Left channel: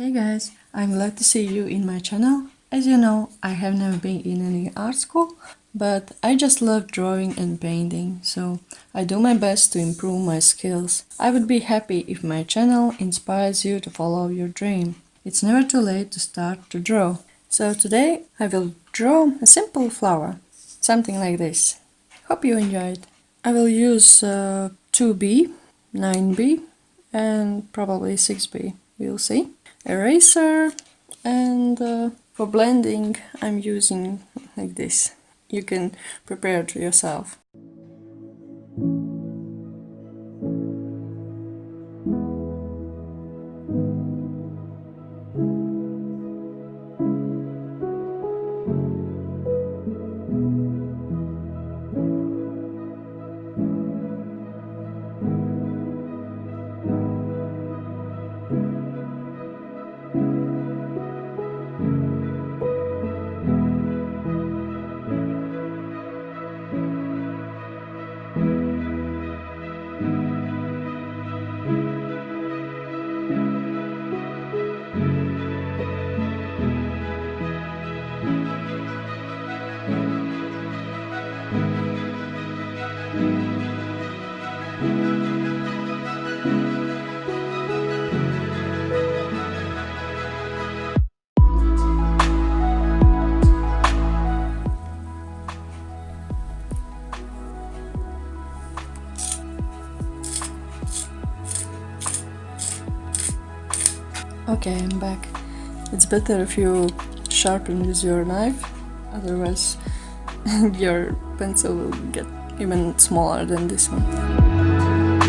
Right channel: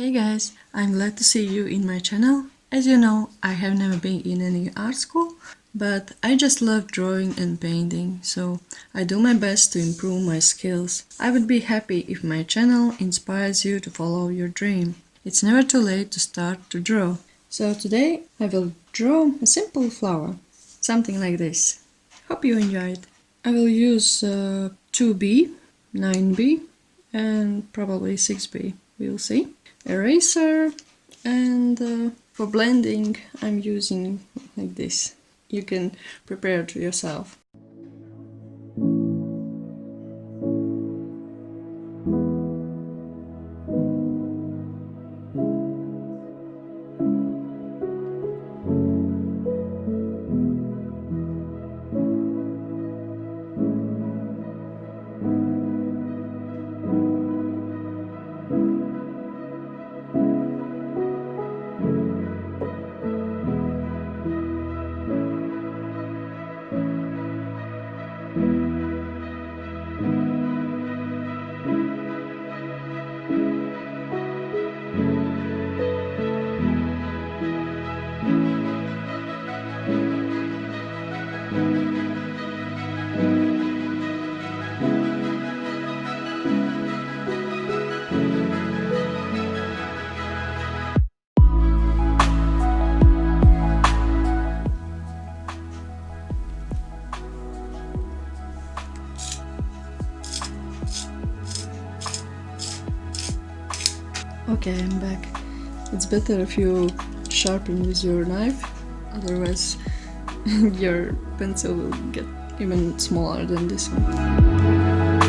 Hey guys, I'm glad to see you in my channel. As you know, I have never been in any art school, but I just love drawing and painting, so I do my best to improve my skills. I would be happy if my channel inspires you to follow your dream. It's never too late to start to draw. So today I will draw a simple flower, something like this. Hope you enjoy it. I will use 2B, 9B, and probably 6B. We'll see. Eraser, and for blending I'm using like this. You can prepare to yourself. Okay, I'm back. It's better if you sharpen with your knife, otherwise your pencil will get even smaller than this one.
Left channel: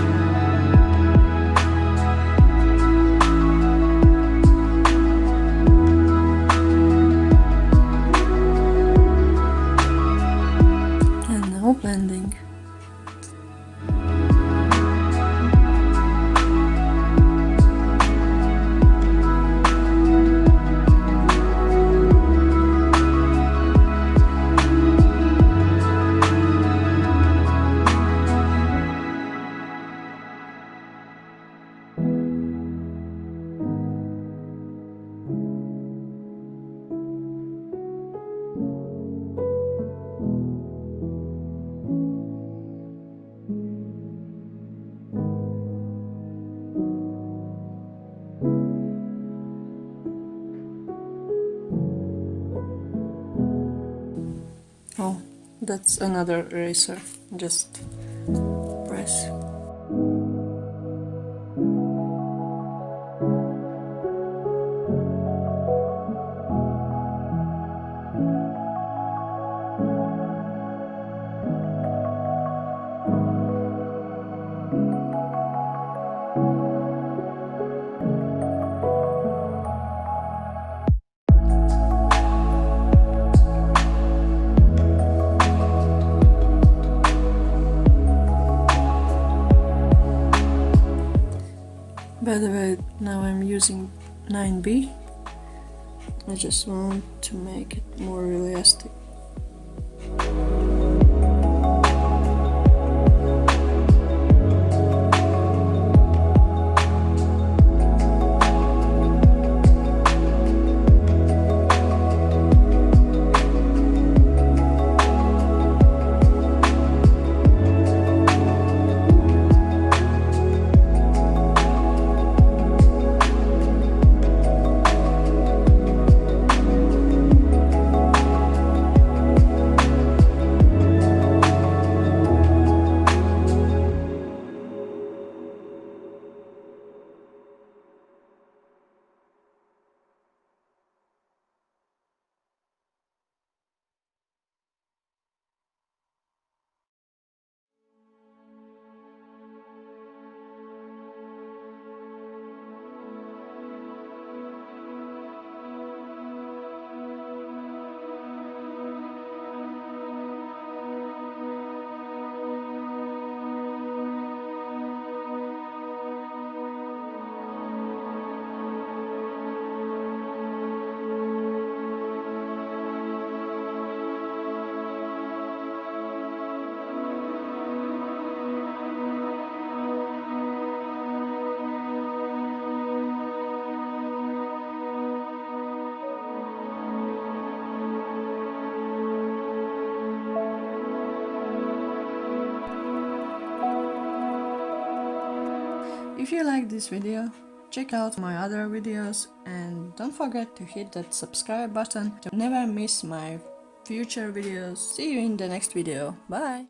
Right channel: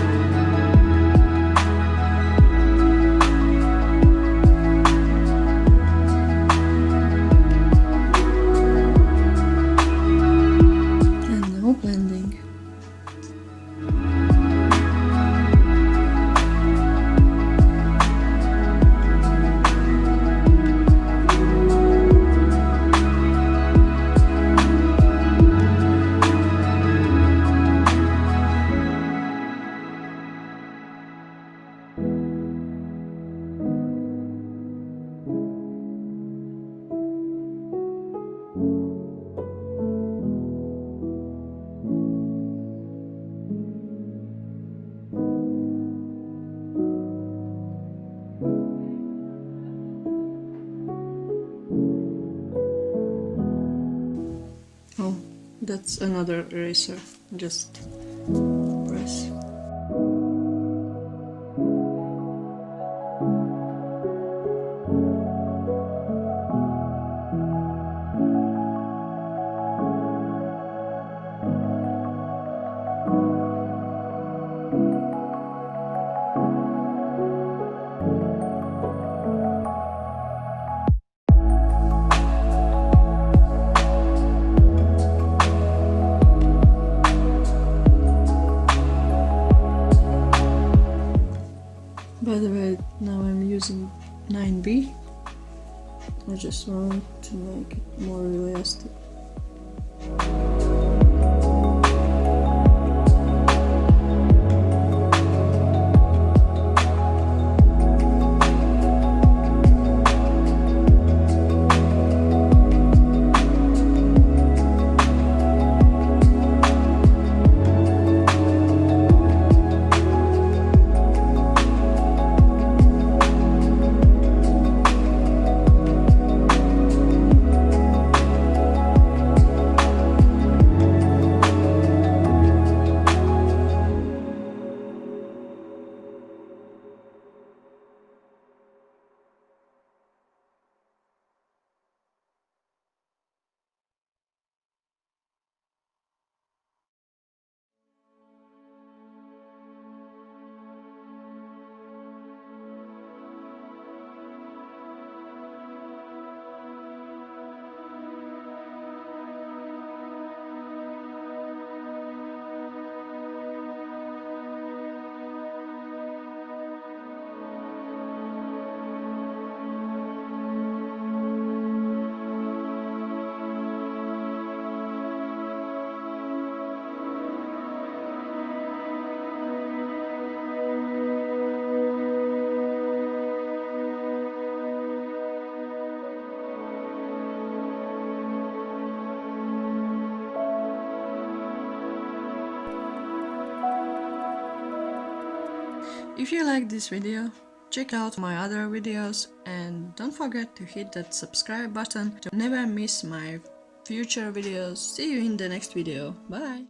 Oh, that's another eraser. Just press. By the way, now I'm using 9B. I just want to make it more realistic. If you like this video, check out my other videos and don't forget to hit that subscribe button to never miss my future videos. See you in the next video. Bye!